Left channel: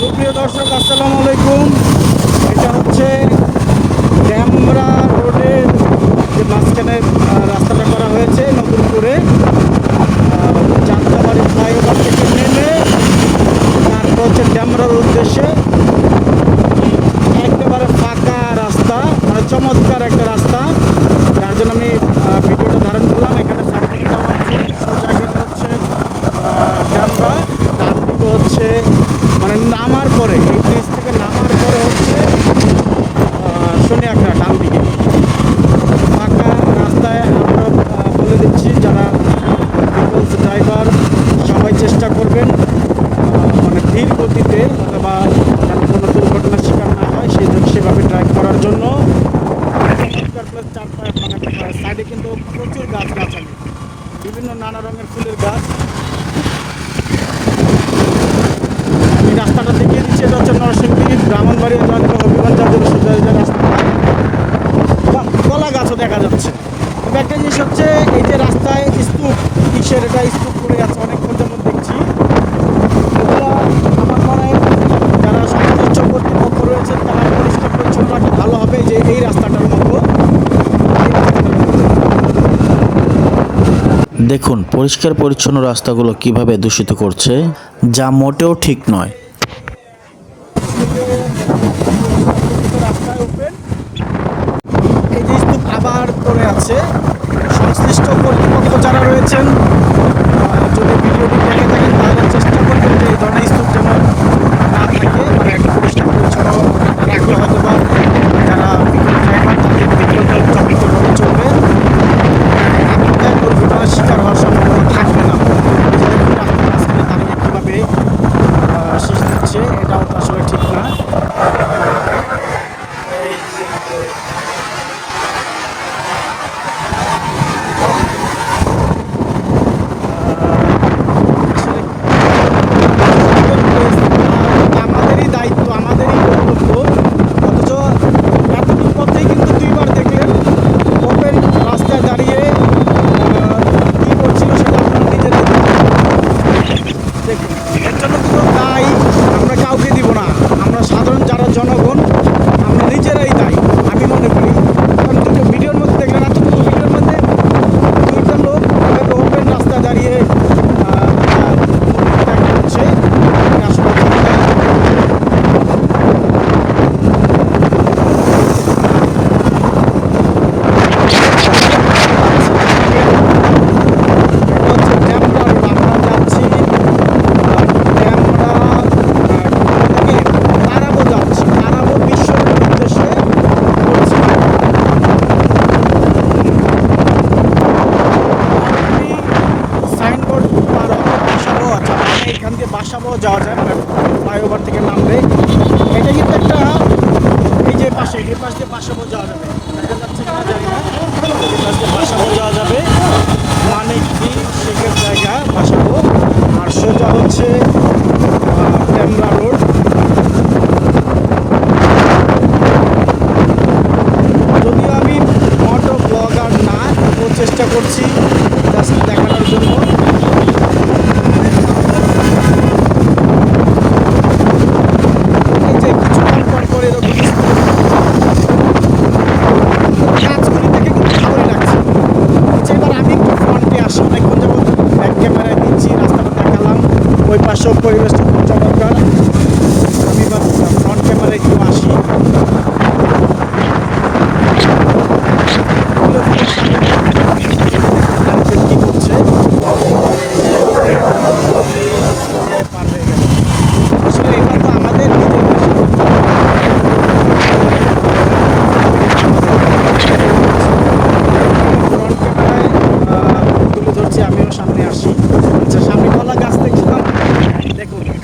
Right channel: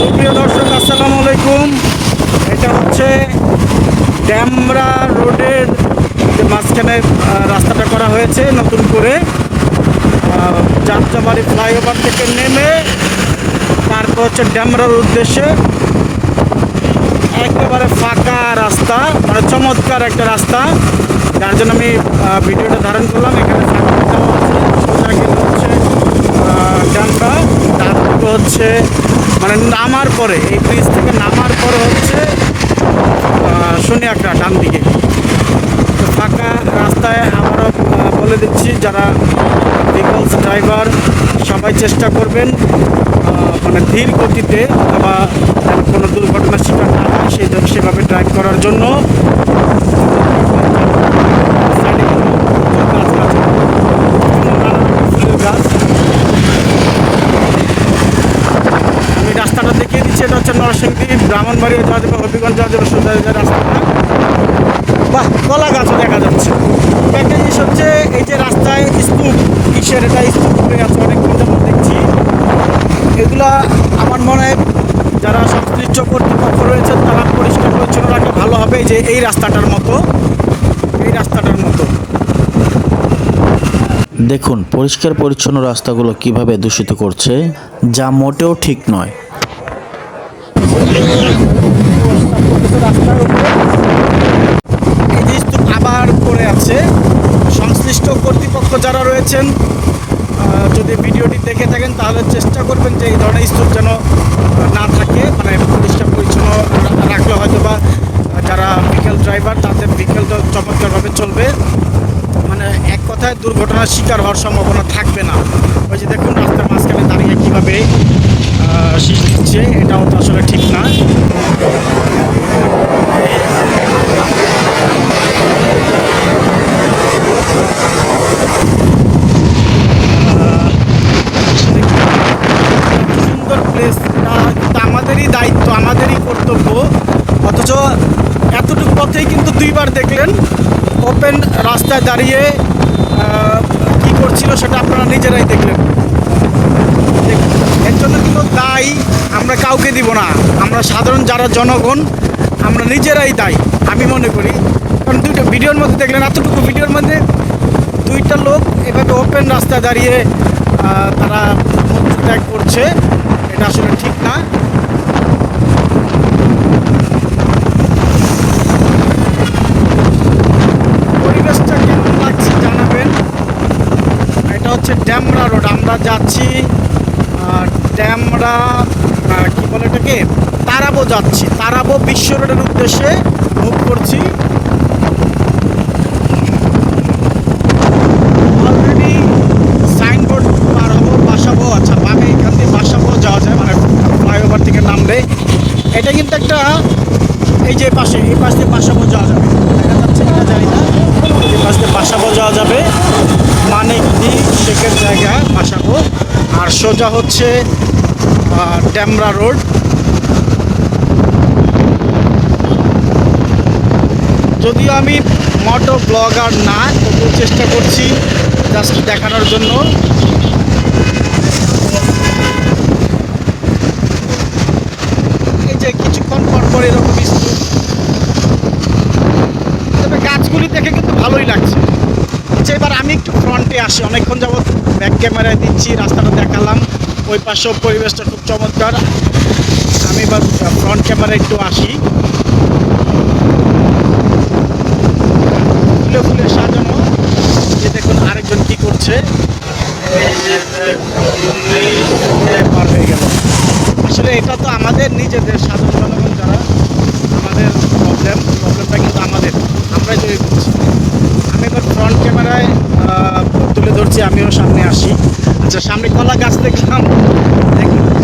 সুপ্রিয় দর্শক, আসসালামু আলাইকুম। এটা হচ্ছে ড্যামরা রোডের যে মাঝখানে রাস্তাটা করা হয়েছে নতুন করে। যাত্রাবাড়ি ফ্লাইওভার থেকে নেমে তারপর হচ্ছে ড্যামরার উদ্দেশ্যে একেবারে ফাঁকা রাস্তা মানে চমৎকার একটা রাস্তা। যার জন্য আমি ভিডিওটা ধারণ করলাম। এখানে ফাঁকা আছে। হচ্ছে তারপরে হচ্ছে মানে নামার পরে, এই ব্রিজ থেকে নামার পরে হচ্ছে শনিয়াকড়া ডান দিকে। তো ফাঁকা রাস্তায় আমরা বলে দিচ্ছি, যারা ভেহিকলস ড্রাইভার সবাই চেষ্টা করবেন মানে ধীর গতিতে অথবা কোনো দুর্ঘটনার শিকার না হয়, সেই সেভাবে ড্রাইভ করার জন্য সাইডে কিন্তু গাছ গাছ নানা রকমের ফুলের গাছ আমি এটা হচ্ছে নরসিংদী ব্রাহ্মণবাড়িয়া যাওয়া যাবে হবিগঞ্জ যাওয়া যাবে সোজা যে রাস্তাটা বাহ, কলা গাছও দেখা যাচ্ছে। একটা জিনিস হচ্ছে, এই যে রাস্তায় স্তূপ, কিসের এটা স্তূপ পড়ে আছে অনেকক্ষণ যেমন দেখছি। এগুলা আমার মনে হয় যারা সংশ্লিষ্ট কর্তৃপক্ষ রয়েছেন, তারা পরিষ্কার পরিচ্ছন্ন রাখলে ভালো হবে যে এই রাস্তাটার মতো। এই রাস্তাটার মতো। দেখুন, পরিষ্কার পরিচ্ছন্ন রাস্তাগুলো কীভাবে দূষিত করছে, যা মোটেও ঠিক নয়। এই যে স্তূপ আবার পড়ে আছে। সংশ্লিষ্ট কর্তৃপক্ষ যারা রয়েছেন যদি ভিডিওটি দেখে থাকেন, তাহলে চেষ্টা করবেন যে এই ধরনের স্তূপ যেন না থাকে। মানে পরিষ্কার পরিচ্ছন্ন রাখলে হয়তো বা যারা বিকেল ড্রাইভার তাদের বিকেলটা চমৎকারভাবে চলবে। এক কথায় দুর্ঘটনার শিকার হওয়ার সম্ভাবনা থাকবে না। দেখুন, রাস্তার মাঝখানে দাঁড়িয়ে কীভাবে শীষ দিচ্ছে এটাও তো আসলে ঠিক না। আমাদেরই দায়িত্ব, আমাদেরই কর্তব্য। অথচ এতটুকু পথেই কিন্তু দুইবার দেখলেন ওপেন রাস্তায় দাঁড়িয়ে কি করছিল সেটা আপনারা নিজেরাই দেখলেন। দেখ- এর জন্য কোনো দায়ী আমরা কাউকে দিব না। আমরা সাধারণ যারা জনগণ, আমরা নিজেরাই দায়, আমি মনে করি। কারণ দুটো ভিডিওর মধ্যে দেখলেন, এতটুকু ভিডিওর মধ্যে দুইটা লোক এভাবে ওপেন রাস্তায় দাঁড়িয়ে তারা করছে, এটা আসলে ঠিক না এটা হচ্ছে ড্যামরা রোড আমরা যাচ্ছি আহ, ড্যামরা আহ, কি বলে এটাকে তারাবো যাচ্ছি তারাবো বিশ্ব রোডের উদ্দেশ্যে মুখ করছি অলরেডি সাইনবোর্ড পার হব বাসাবো আচ্ছা মানে এখান থেকে বাসাবো যাওয়া যায় মানে নামবে এটা কিন্তু একটা এই যে পাশে এই পাশ থেকে বাসাবো যাওয়া যাবে। দেখা যাচ্ছে যাওয়া যাবে। মানিক দি শেখের জায়গা বাসাবো আর সোজা হচ্ছে আহ, ড্যামরা রোড। যদিও আমি মোটো ব্লগার না তবুও চেষ্টা করছি জাস্ট দেখানোর জন্য। যে কিছুক্ষণ পর পর এরকম। তবে গাছগুলি দেখে কিন্তু ভালোই লাগছে। আচ্ছা এবার আমি একটু ফ্রন্টে আসি। অনেকক্ষণ যাবত ব্যাক ক্যামেরায় দিচ্ছি, রাস্তাটা দেখালাম। ওই পাশেও পরিবেশটা খুব চমৎকার। আমি এবার ফ্রন্ট ক্যামেরায় একটু আসি। ফুলে ফুলে সাজানো। দেখুন আরেকজন কি করছে এই যে পার হয়ে গেল। আসলে এটা তো আমাদের নিজেদের সাধারণ আমাদের ফ্রন্ট ক্যামেরায় তুলে ধরছি, আমিও সামনে আসি। আচ্ছা সামনে কলা গাছ দেখলাম।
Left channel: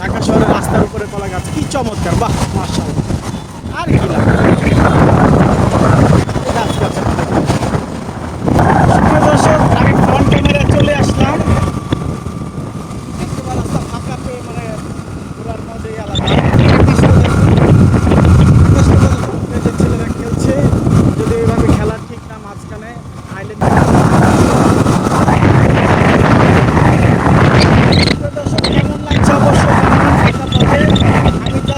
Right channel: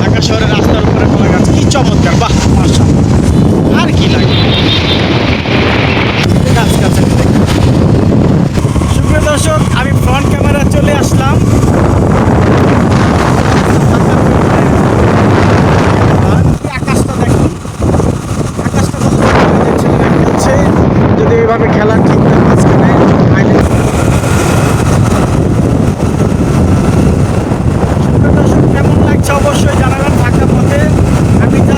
ঢাকা শহরের রাস্তার উপরে কলা গাছ। কি চমৎকার, বাহ মার্শাল আর কি লাগে? গাছ গাছের দর্শক, আমি ফ্রন্ট ক্যামেরায় চলে আসলাম আকাশটা দেখুন আকাশটা কত সুন্দর যে ছেলেরা খেলছে যদি এইভাবে খেলা ঠিক থাকে মাঝখানে আইলে সুপ্রিয় দর্শক কেমন লাগছে অবশ্যই জানাবেন ঢাকা পথে আমি যা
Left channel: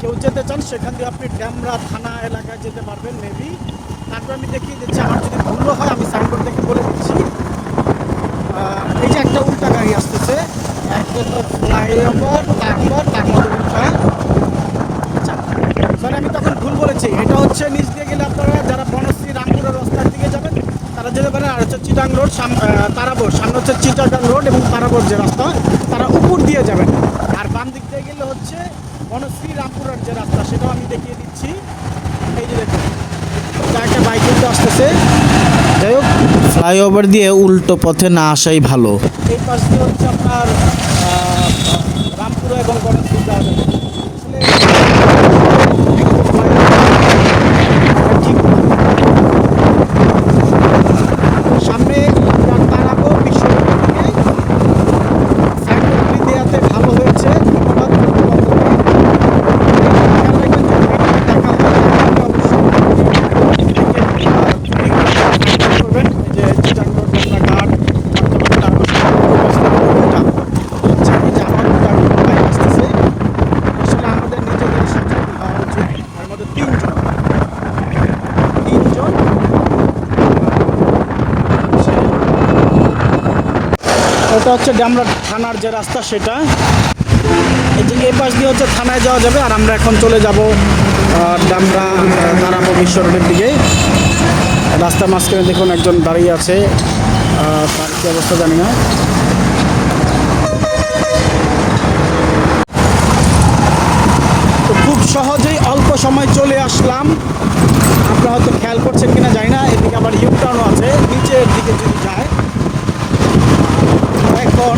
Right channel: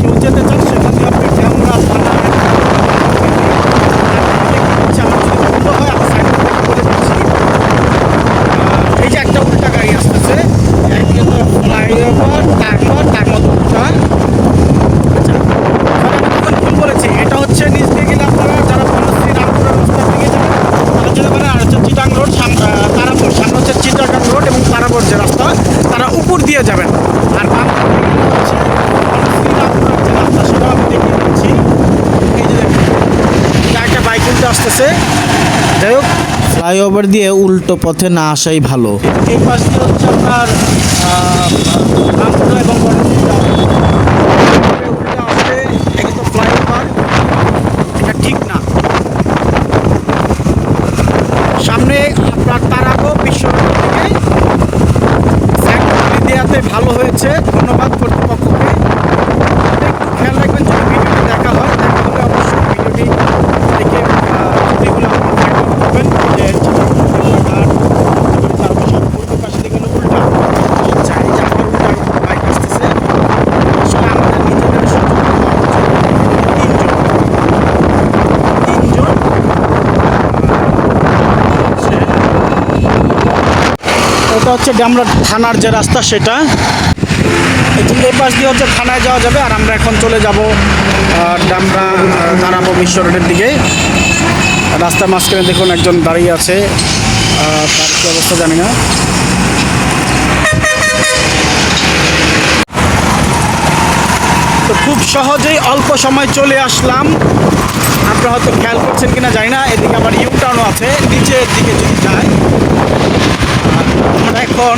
কেউ যেতে চান সেখান দিয়ে আপনি ক্যামেরা থানা ভুলো হয় আমি সাইকেল থেকে বলে দিচ্ছি আহ, এই যে একটা উল্টা গাড়ি আসতেছে একজন ফ্লাইওভার তারপর তারপর উল্টা আচ্ছা তাহলে আমি তখন ভুল বলেছি এটা হচ্ছে নিচ দিয়ে গেলে আপনারা যারা বনশ্রী রামপুরের রাস্তার দিকে যাবেন তারা হচ্ছে চিটাং রোড তারাপুর সামনে হচ্ছে চিটাগাং রোড এবং তারাপুর যে রাস্তা তারা উপর দিয়ে যাবেন। আর বাম হচ্ছে যে রাস্তা সেটাও আমি দেখিয়ে দিচ্ছি। এই যে একটা বাইক উল্টো আসতেছে। যাই হোক ফ্লাইওভার দিয়ে উল্টো পথে না আসাই ভালো। এই পাশ দিয়ে হচ্ছে আপনার রামপুরা এবং বনশ্রী যাওয়া যাবে। এটা কিন্তু ফ্লাইওভার এটা ঠিক না সামনে আপনার তারাবো বিশ্বরোডের দিকে সাইকেলগুলি দেওয়াতে ভালো হয়েছে ধন্যবাদ কর্তৃপক্ষকে একটু খেয়াল রাখবেন যদি ভিডিওটি দেখা হয় দেখা হলে অবশ্যই ভিডিওটি দেখে আহ, ভিডিওগুলো করবেন যে তার আচ্ছা এই যে আমার উল্টা বাইক আসতেছে আসলে আমাদের নিজেদের সচেতন হওয়া উচিত তিনজন তিনজন হচ্ছে এটা হচ্ছে ডামরা থানার যে রাস্তা সেটা। এই পাশ দিয়ে হচ্ছে থানায় যাওয়া যাবে আর আমরা এখন চলে যাব ডামরা দাঁড়াবো বিশ্ব রোডের দিকে। রাস্তার মাঝখানে দেখুন একজন দাঁড়িয়ে আছে তার কি অবস্থা জানি না। তো খুব সহজেই অল্প সময় চলে আসলাম। আপনারা হয়তো খেয়াল করছেন কিনা জানি না, এদিকে আবার ইউ টার্নও আছে, নিচের দিকে যদি যায়। আমরা এখন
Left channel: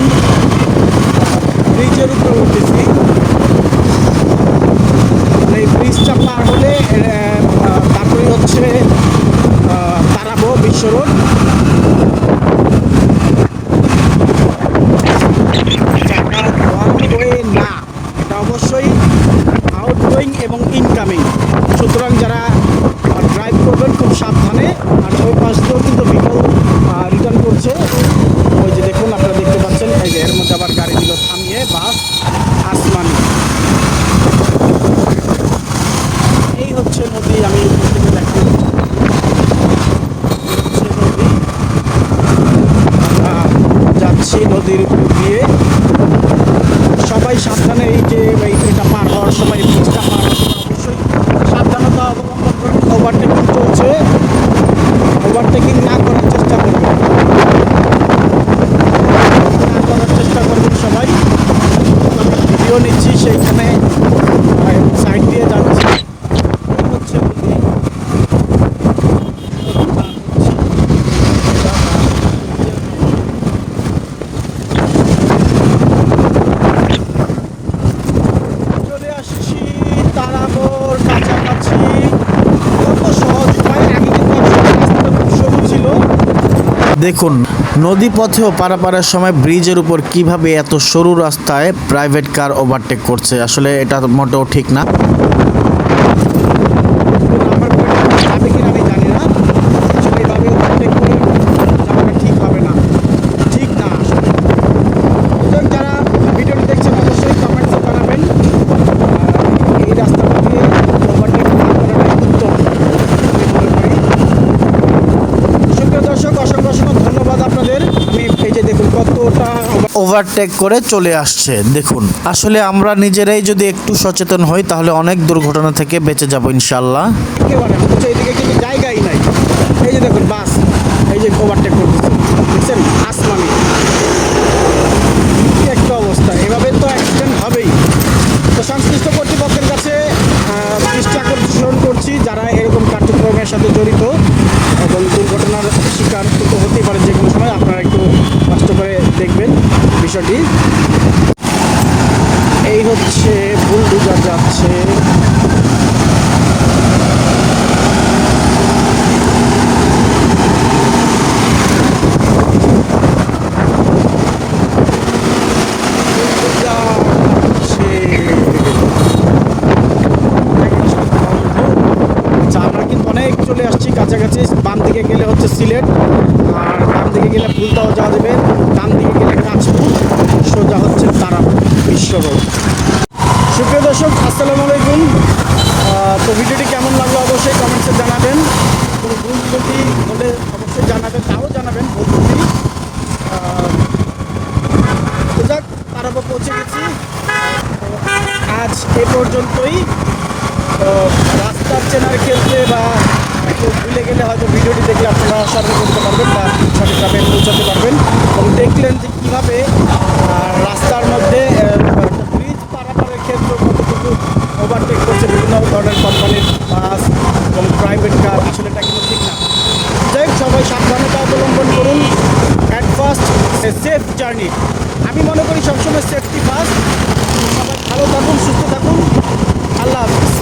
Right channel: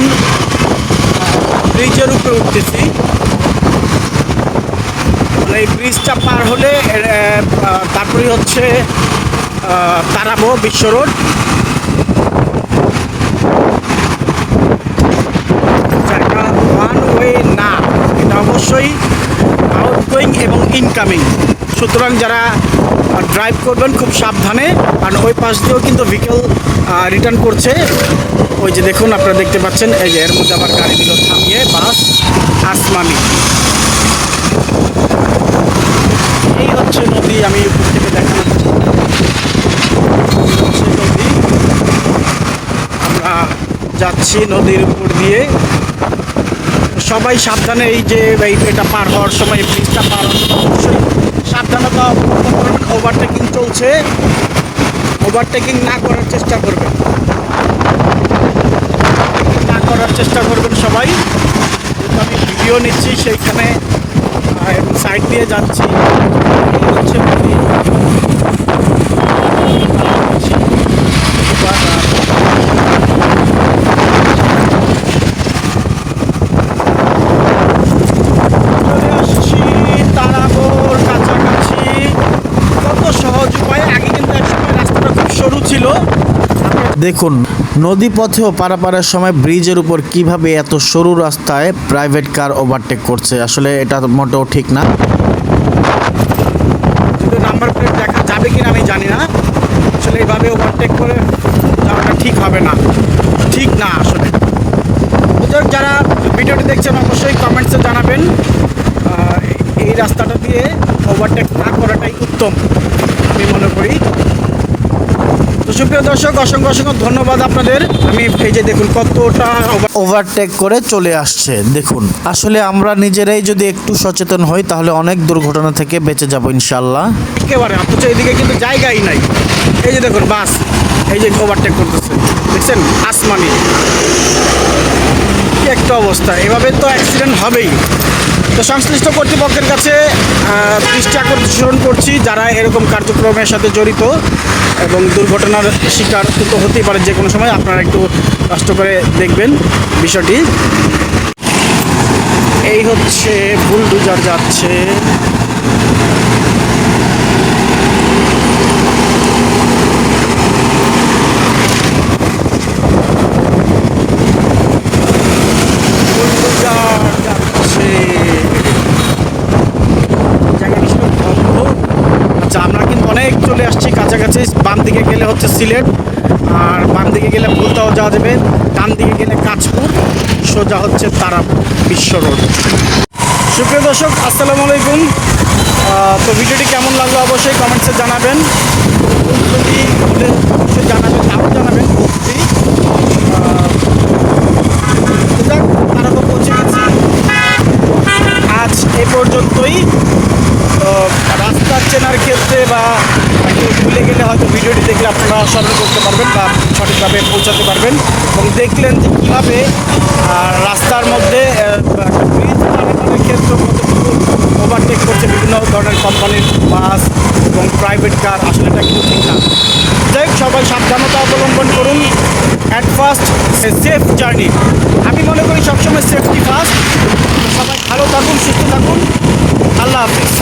ব্রিজের উপরে উঠতেছি। মানে এই ব্রিজটা পার হলে তারপরে হচ্ছে তারাবো বিশ্ব রোড। না, এটা অবশ্যই আউটগোয়িং এবং ইনকামিং সুতরাং যারা ড্রাইভ করবেন খুব সাবধানে, কারণ ওই পাশ দিয়েও কিন্তু ভিকেল রিটার্ন করছে। ওই যে দেখুন, আপনারা দেখতে পাচ্ছেন, এই যে এর মধ্যে আবার গাড়ি দিল থামিয়ে বাস, আসমানি। এই হচ্ছে নদী, আমি থেকে নদী। আমরা যাচ্ছি নদীর উপর দিয়ে। সবাই সাবধানে এই যে এটা পার হওয়ার সময় ব্রিজটা পার হওয়ার সময় অবশ্যই সাবধানতা অবলম্বন করবেন ওভারটেকিং চলছে। ওভারটেকিং না করার চেষ্টা করবেন। না করার চেষ্টা করবেন সবাই। আমি ভিডিও নিচ্ছি সেইখানে সাইড দিয়ে যাচ্ছি। হচ্ছে নদী। এবার, আহ, চলে আসছি তারাবোর কাছাকাছি কত সহজ উপায় আগে কিন্তু একসময় রাস্তাটা খুব সরু ছিল দেখুন নদী পথেও পারাপারের সময় ব্রিজের উপর কীভাবে এত সরু রাস্তায় প্রাইভেট কার ওভারটেক করছে, আসলে এটা মোটেও ঠিক না। নাম্বার প্লেট যাবে কিনা আমি জানি না। আসলে এইভাবে ওভারটেক করে যাওয়াটা ঠিক হবে না। ঠিক না আসলে। যারা ভিডিওটি দেখছেন অবশ্যই কমেন্টসে জানাবেন। এই- রাস্তাটা দিয়ে ওভারটেক না করাটাই উত্তম, আমি মনে করি। সুপ্রিয় দর্শক, অসংখ্য অসংখ্য ধন্যবাদ আপনাদের। আমি এই যে দেখুন কতটা ওভারটেক করে চলে আসছে, দেখুন। আসলে আমরা নিজেরাই যদি একটু সচেতন হই, তাহলে অনেক দুর্ঘটনা থেকে বেঁচে যাব ইনশাল্লাহ একেবারে, অথচ এদিকে কিন্তু জায়গাই নাই। এই যে দেখুন, বাস, এই যে ওভারটেক করতেছে। দেখছেন? আসমানি। একটা অবস্থা। এভাবে তো অ্যাক্সিডেন্ট হবেই। তো সংশ্লিষ্ট কর্তৃপক্ষের কাছে দৃষ্টি আকর্ষণ করছি যারা এরকম কার্যক্রমের সাথে জড়িত এবং দুর্ঘটনার শিকার কিন্তু হতেই পারে যে কোনো সময়, আপনারা একটু কষ্ট করে দেখবেন বিষয়টি। এই হচ্ছে ভুল বুলডুজার যাচ্ছে জায়গাটা সব বন্ধ। আচ্ছা আমরা কিন্তু অনেক চলে আসছি কাছাকাছি বাম দিকে গেলে হচ্ছে সিলেট আর বাম দিকে গেলে ভুলতাও যাওয়া যাবে ডান দিকে গেলে কাঁচপুর সোজা হচ্ছে তারা বিশ্ব রোড। সুপ্রিয় দর্শক আসসালামু আলাইকুম। তো ভিডিওটি কেমন লাগল অবশ্যই কমেন্টসে জানাবেন। ভুল হলে অবশ্যই জানাবেন তাও জানাবেন ভুল যদি আহ, তো যাক পৌঁছে গেছি। আজ এ পর্যন্তই। রাস্তা চেনার ক্ষেত্রে বা একটু ভুলে গেলে হয়তো ভিডিওটি দেখলে আপনারা স্মরণ করতে পারবেন বা সঠিকভাবে পৌঁছাতে পারবেন এবং দেখলেন যে কীভাবে রাস্তার মধ্যে পারাপারের ক্ষেত্রে কতটুকু ওভারটেক করছে বিভিন্ন ধরনের কোম্পানির বাস এবং প্রাইভেট কার আসলে এটা কিন্তু ঠিক না। যাই সবাই সাবধানতা অবলম্বন করুন অ্যাট ফার্স্ট সেফ জার্নি আমি মনে করি সবসময় সেফটি ফার্স্ট সবাই ভালো থাকুন, সুস্থ থাকুন। আল্লাহ হাফিজ।